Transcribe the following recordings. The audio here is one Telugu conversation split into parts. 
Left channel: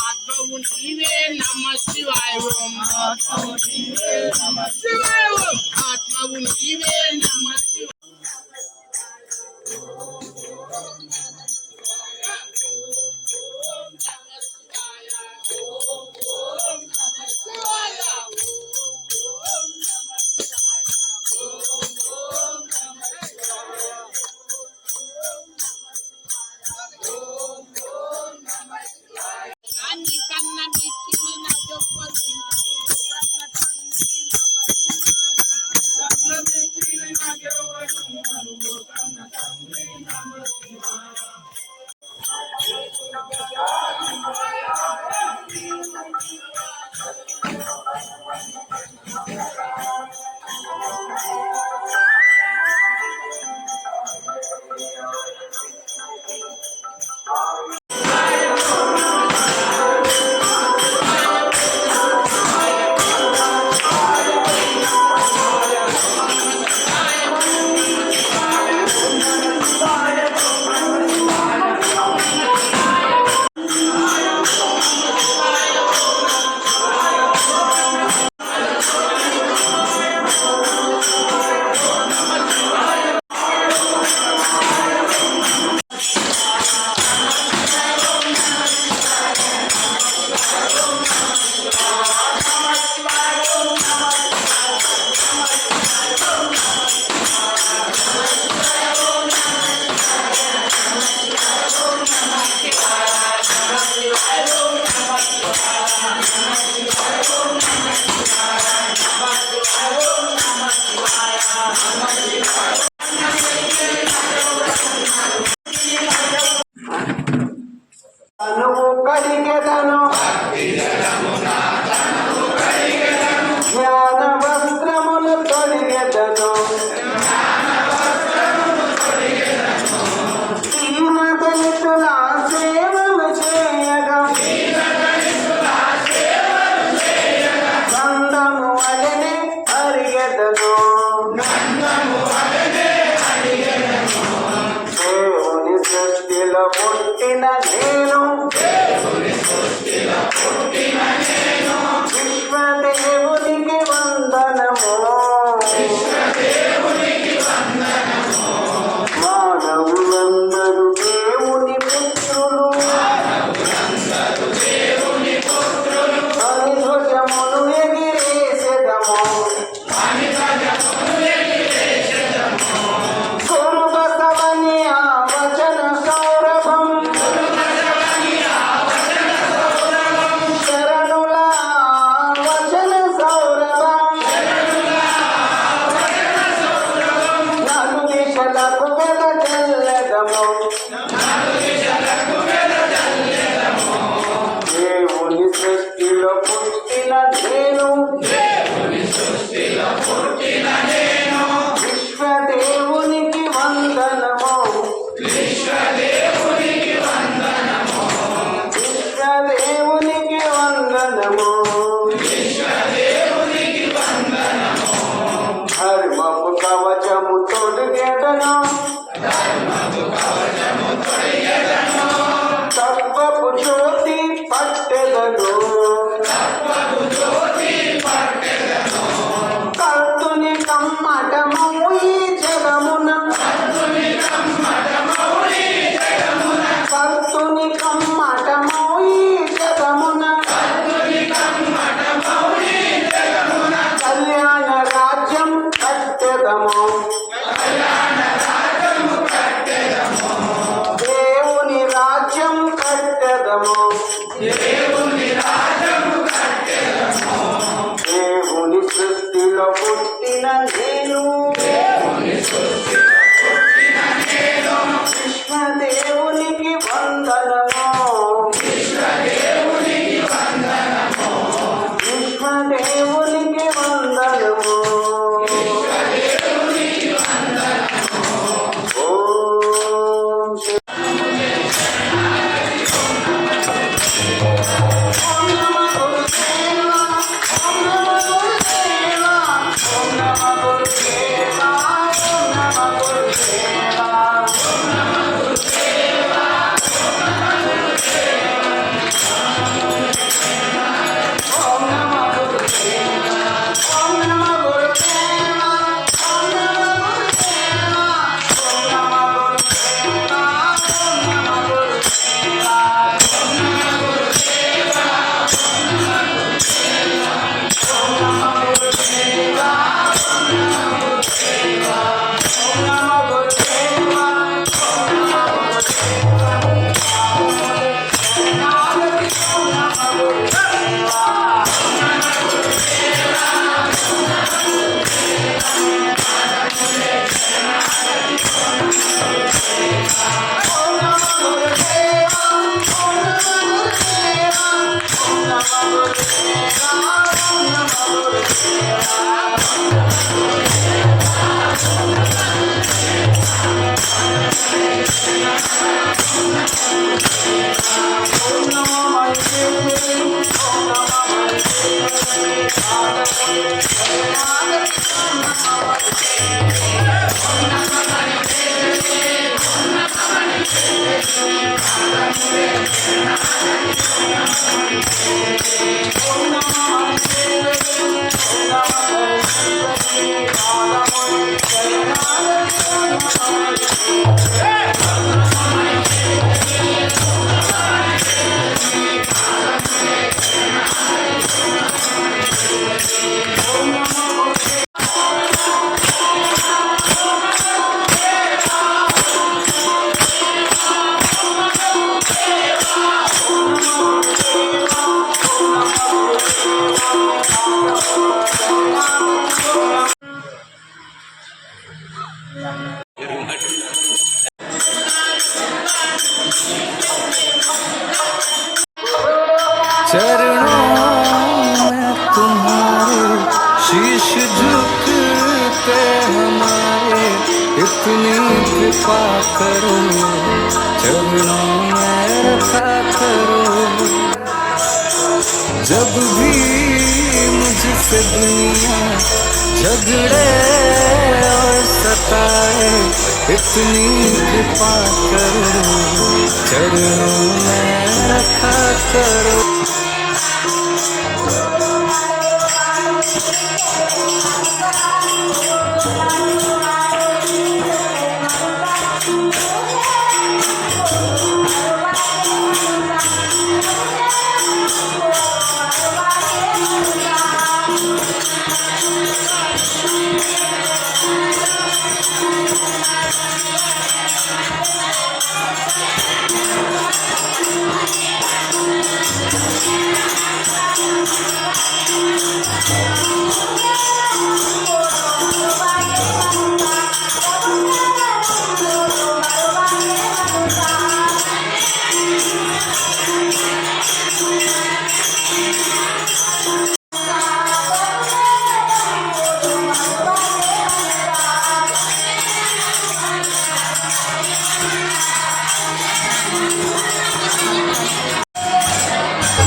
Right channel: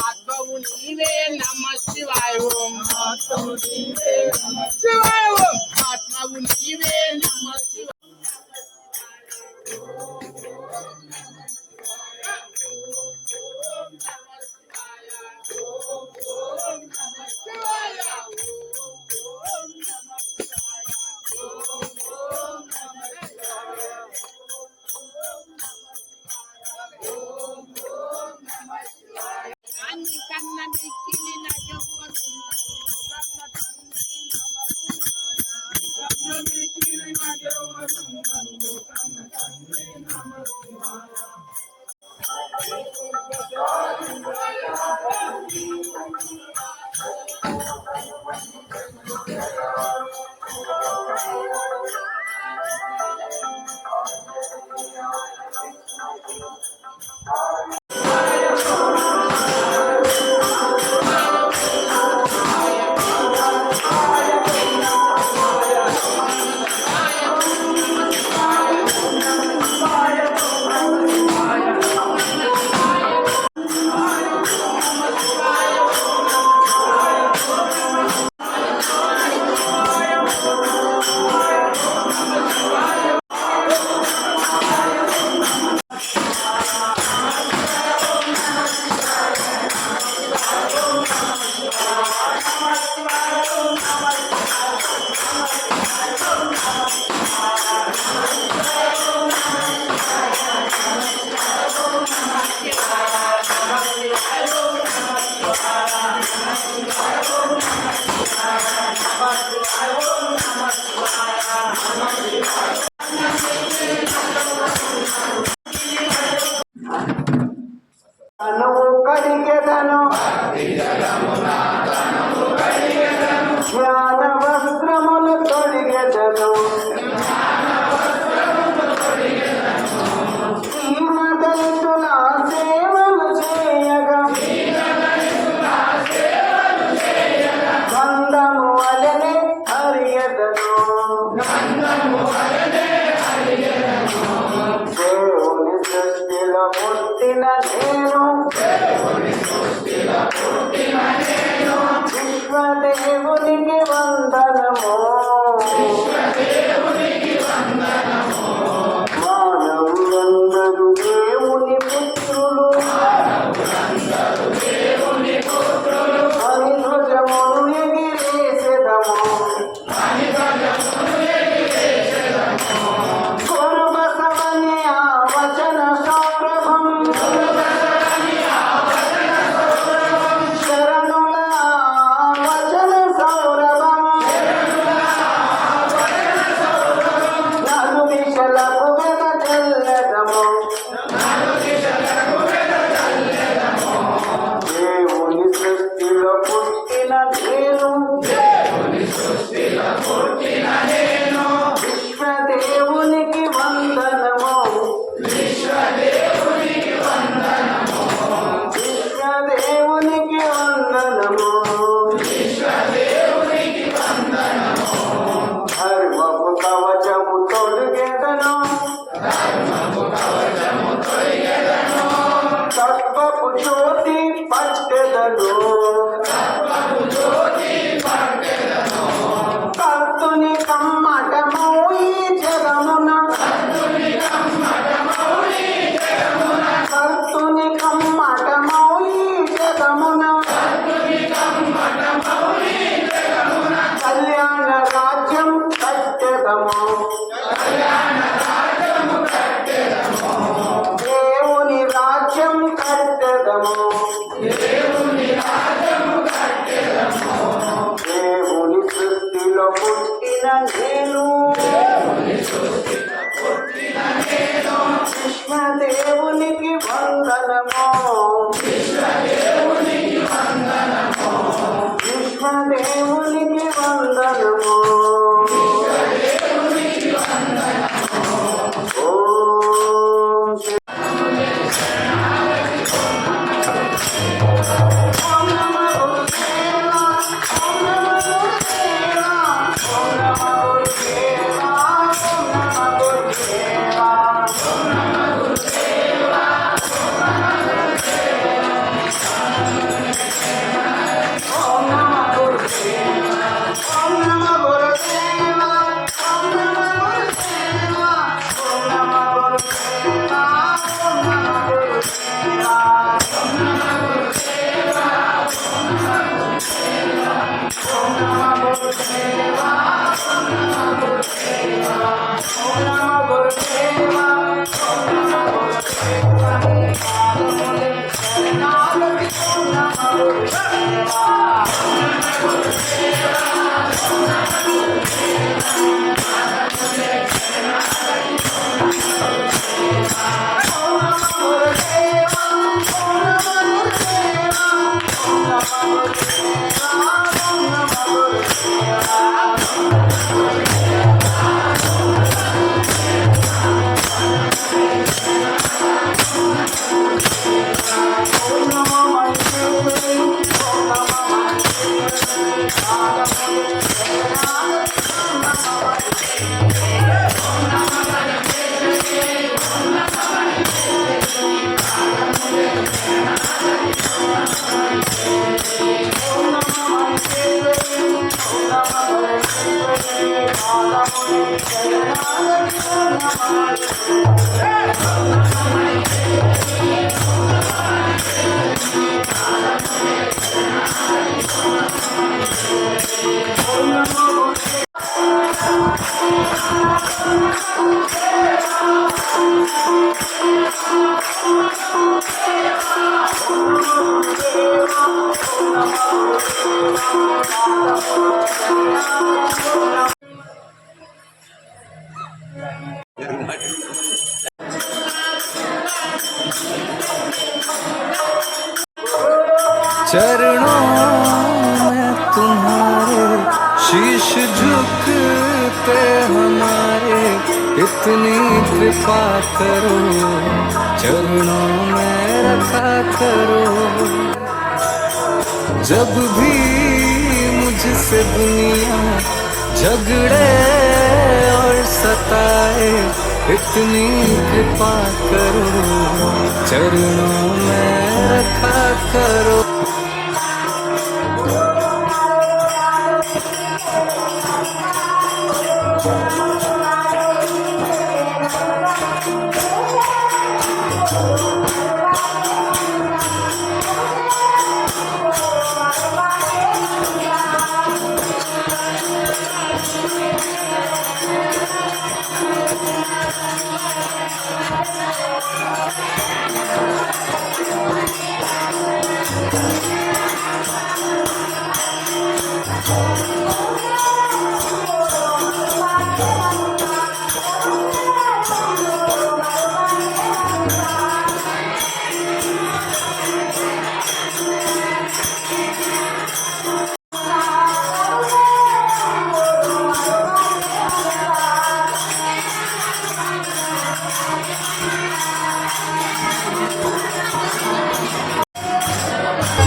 ఆత్మవు నీవే నమః శివాయ ఓం ఆత్మవు నీవే నమః శివాయ ఓం ఆత్మవు నీవే నమః శివాయ తత్వపు జ్యోతి పట్టెదను కర్తుని కమ్మటము ఈ జగమున కర్తుని కమ్మటము ఈ జగమున కళ్యాణ రాజ్యం కట్టెదము దేవుని రాజ్యం కట్టెదము దేవుని సృష్టిలో పుట్టిన నేను విశ్వదేవునికి వందనము విశ్వదేవునికి వందనము ఓం శ్రీ चरणों में तुम्हारे शीश झुकते हमारे इतनी कृपा करो चरणों में रखा करो जब भी मुझसे दुनिया झगड़े और सताए इतनी कृपा करो चरणों में रखा करो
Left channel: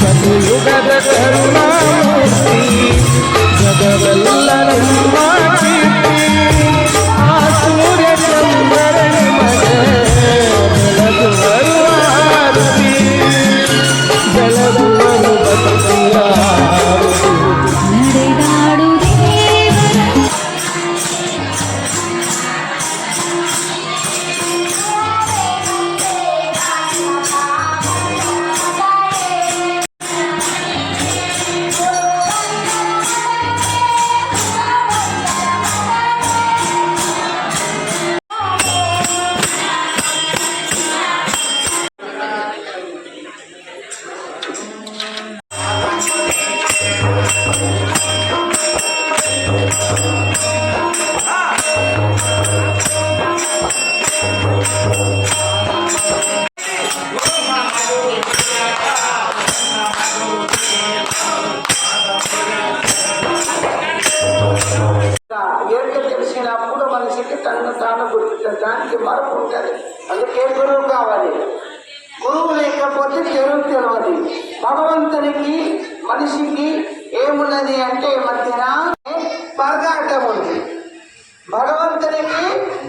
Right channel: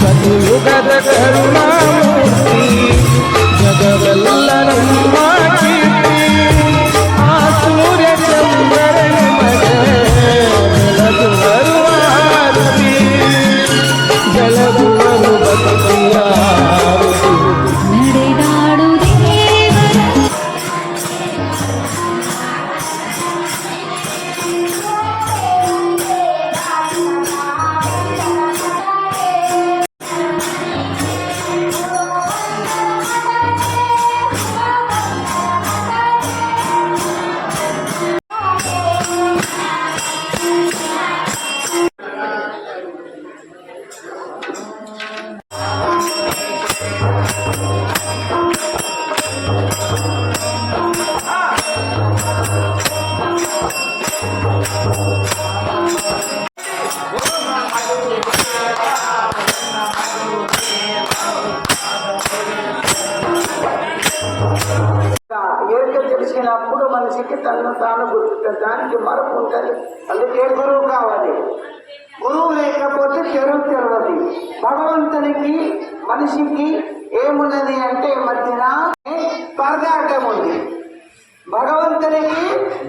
ಕಲಿಯುಗದ ಕರುಣಾಮೂರ್ತಿ ಜಗವೆಲ್ಲರಮ್ಮ ಕೀರ್ತಿ ಆ ಸೂರ್ಯ ಚಂದ್ರನ ಮಗ ఏదో తెలిసినప్పుడు మనిషికి తను తాను దానికి మరపు ఉంటుంది. అందుకే గురువు కావాలి. గురువు లేకపోతే చెరువు తెలియదు. భగవంతునికి మనిషికి ఏమున్నది అంటే మధ్యన పరదాటం ఉంది. భగవంతునికి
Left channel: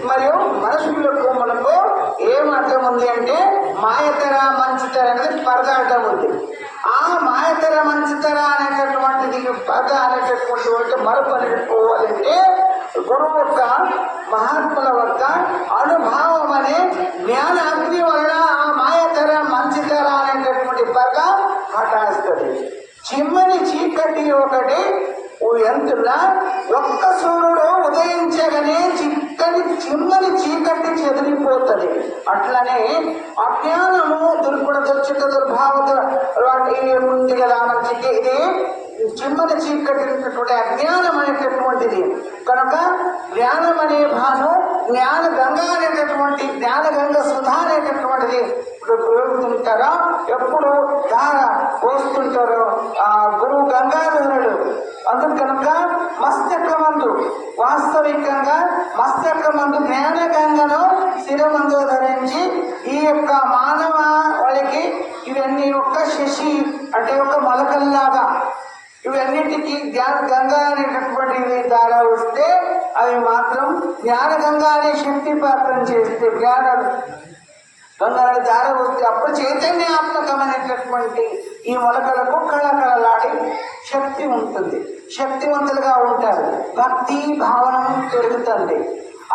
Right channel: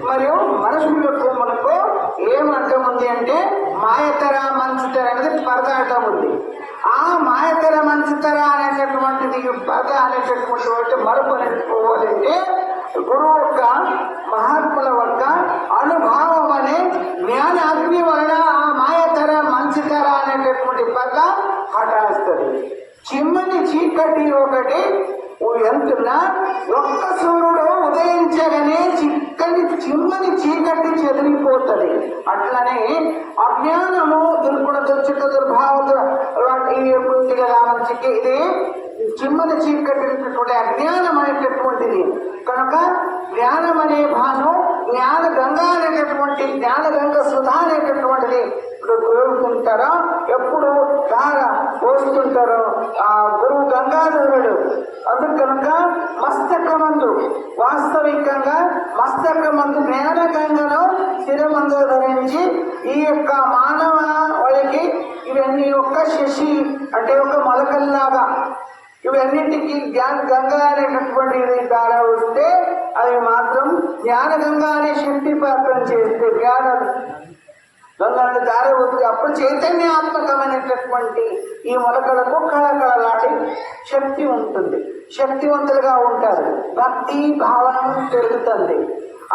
మరియు మనుషులకు మనకు ఏం అర్థం ఉంది అంటే మాయతర మంచితర అనేది పరదాటం ఉంది. ఆ మాయతర మంచితర అనేటటువంటిది పద అనేటటువంటి మరపు అనేట్టుకోవాలంటే గురువు యొక్క మహాత్ముల యొక్క అనుభావం అనే జ్ఞాన అగ్ని వలన ఆ మాయతర మంచితర అనేటటువంటి పద హఠాస్తుంది. చిమ్మని చీకటి ఒకటి ఎంతున్నా ఒక్క సూర్యుడు ఉదయించగానే చిమ్మని చీకటి చెదిరిపోతుంది. అట్లనే అజ్ఞానము దుర్గుణ దుర్చిత దుర్భావ ఉంది కదా మనిషికి. ఇది చిమ్మని చీకటి అజ్ఞానం అనేటటువంటిది. కనుక జ్ఞానం అనే భాను జ్ఞాన గంగా అనేటటువంటి జ్ఞాన గంగ సుధా అనేటటువంటిది పెరుగుతుంటారా ఎప్పుడు ధార పోస్తుంటారో ఆ గురువు గంగాధరుడు. అందుకు కనుక మస్తకమందు వాస్తవికంగా మస్తకమందు జ్ఞాన గంగను శిరమందు ధరించి ఈ యొక్క మానవ వాళ్ళకి ఇవన్నీ ఒక శశి అంటే ఒక మొలకల్లాగా ఇవన్నిటికీ జ్ఞాన గంగా అనేటటువంటి ద్వారా వస్తే అవి మాత్రం జ్ఞాన గంగా అనే శక్తి పాత్ర చేస్తే జ్ఞాన గంగాని దారి వస్తే అప్పుడు చైతన్యాత్మకమైనటువంటి ఈ మొలకలకు కళకళలాడి శక్తి ఉంటుంది. శక్తివంతులుగా ఉంటారు. భక్తి భావన పెరుగుతుంది.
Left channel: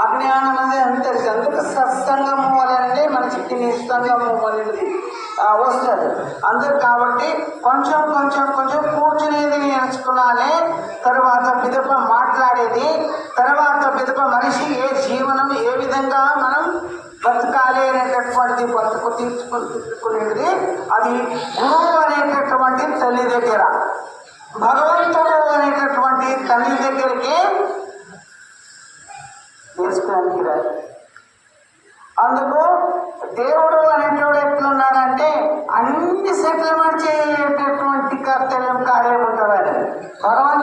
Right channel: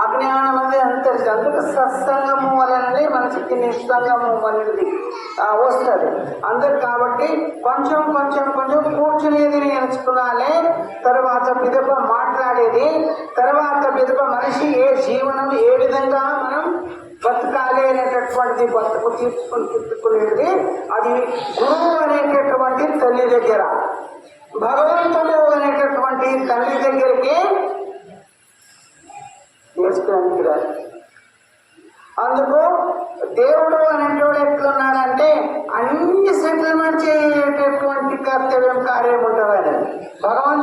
అజ్ఞానం అనేది అంతరిస్తుంది. అందుకు సత్సంగము వలననే మనిషికి నిస్సంగము అనేది వస్తుంది. అందుకు కాబట్టి కొంచెం కొంచెం కొంచెం కూర్చునేది నేర్చుకున్నాలే, తర్వాత పిదప మాట్లాడేది, తర్వాత పిదప మనిషి ఏ జీవనం ఏ విధంగా మనం బతకాలి అనేటటువంటిది బతుకు తీర్చుకునేది అది గురువు అనేటటువంటి తల్లి దగ్గర, భగవంతుడు అనేటటువంటి తల్లి దగ్గరికి చేసుకోవడానికి రాదు. అందుకు దేవుడు అనేటోడు ఎట్లున్నాడంటే అన్ని సెటిల్మెంట్ చేసేటటువంటి కర్తవ్యం కార్యం ఉంటాడు. భగవంతుడు